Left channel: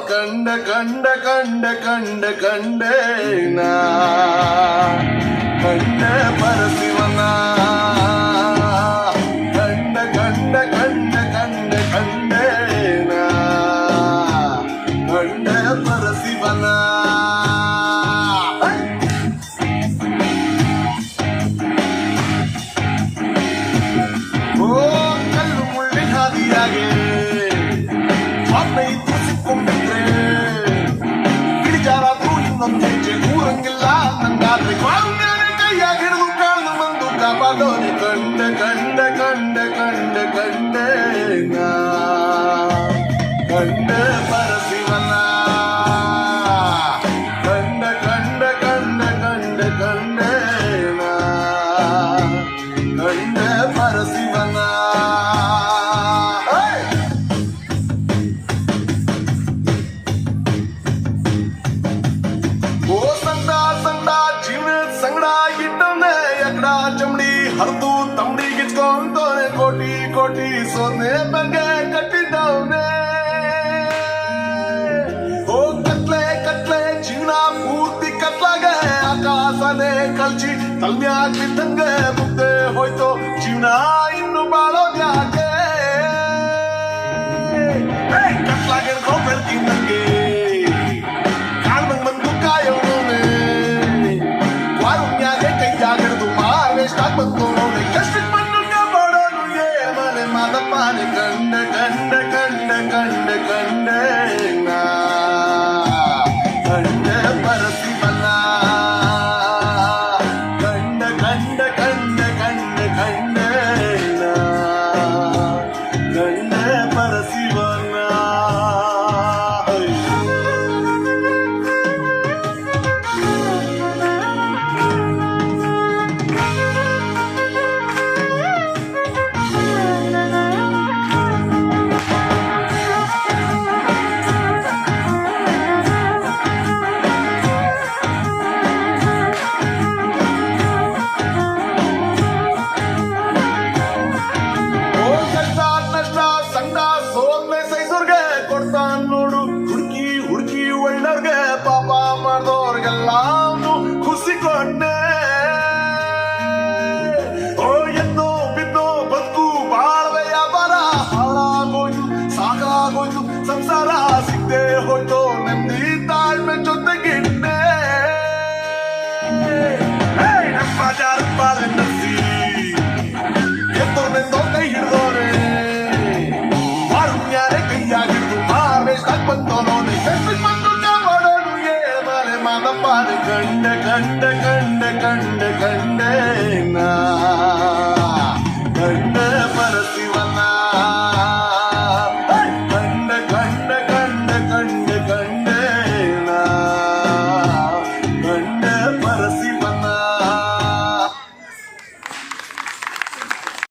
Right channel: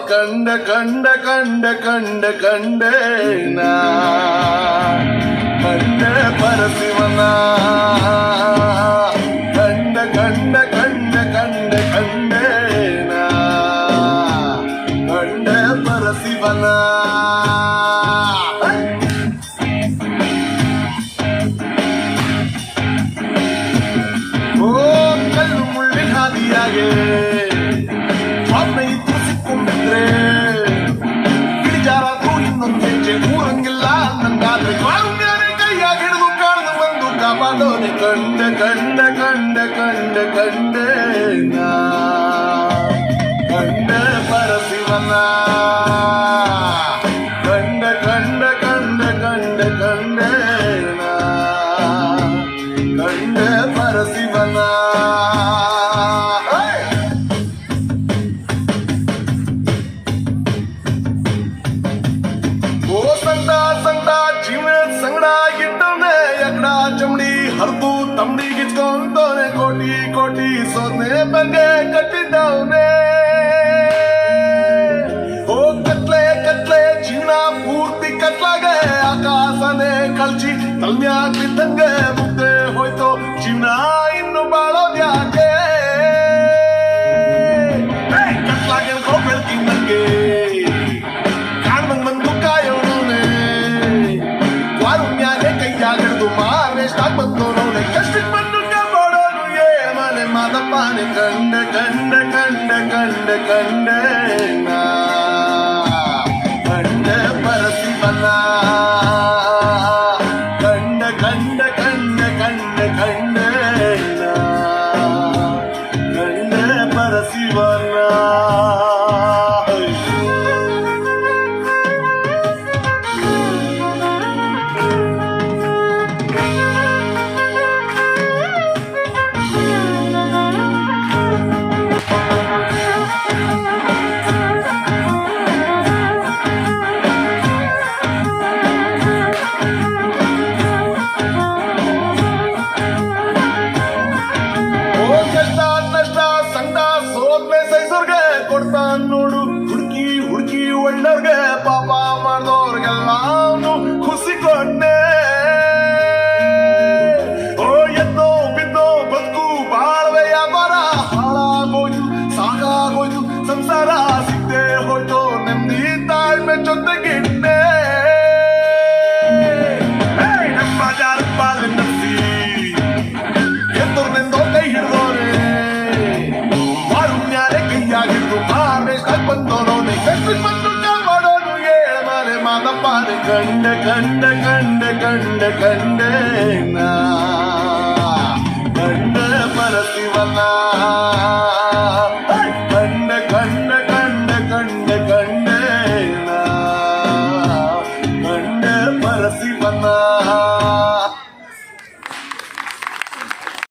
ಕಂಡ ಕಂಡ ಕಂಡ ಕಂಡ ಕಂಡೇನ ಕಂಡ ಪರಶಿವನ ಕಂಡ ಕಂಡ ಕಂಡ ಕಂಡ ಕಂಡೇನ ಕಂಡ ಪರಶಿವನ ಕಲ್ಲು ಮುಳ್ಳಿನ ಹಾದಿಯಾಗೆ ಸಿಕ್ಕೊಂಡಿದ್ರೆ ಗಿರಿಜಾರಾದ್ರೂ ಇನ್ನೊಂದು ಹೆಜ್ಜೆ ಊರಂಗಿಲ್ಲ ನಂಗಾದ್ರೆ ಕೈಯಾಗಿ ಹಿಡಿದು ಕಾಣದು ಬಂದು ಕಾಪಾಡೋನೆ ಕಂಡ ಕಂಡ ಕಂಡ ಕಂಡ ಕಂಡೇನ ಕಂಡ ಪರಶಿವನ ಕಂಡ ಕಂಡ ಕಂಡ ಕಂಡ ಕಂಡೇನ ಕಂಡ ಪರಶಿವನ ಹರಿದು ತಂಡಿಗಿಚ್ಕೊಂಡವನೆ ಕೋಟಿ ಕೋಟಿ ಸೊನ್ನೆ ಬಗ್ಗೆ ಕಟ್ಟಿದ್ದವನೇ ಓ ಕತ್ಲೆ ಕತ್ಲೆ ಜೀವನ ಪೂರ್ತಿ ಕತ್ಲಾಗೆ ಆಕಾಶನೇ ಕಳ್ಚಿ ತಲ್ಮ್ಯಾಗಿದ್ದಂಗೆ ಮುಗ್ದೆ ಹೋಯ್ತು ಜೀವನ ಇನ್ನು ಬಾಳೋದ್ಯಾಕೆ ಕತ್ಲಾಗೆ ಬೆಳ್ತೀನಿ ನಂಗೆ ಕಾಣ್ದಂಗ್ ಬಂದು ಕಾಯೋಣೆ ವಾರುಣ್ಯಾಗೆ ಕೈಯಾಗಿಡ್ದು ಮಾರೇಷ್ಟಾಗ್ ಬಂದು ಕಷ್ಟಕ್ಕೆ ಬಂದು ಕಾಪಾಡೋನು ಮನೆ ಮಾದಪ್ಪನೆ ಕಂಡ ಕಂಡ ಕಂಡ ಕಂಡ ಕಂಡೇನ ಕಂಡ ಪರಶಿವನ ಕಂಡ ಕಂಡ ಕಂಡ ಕಂಡ ಕಂಡೇನ ಕಂಡ ಪರಶಿವನ No.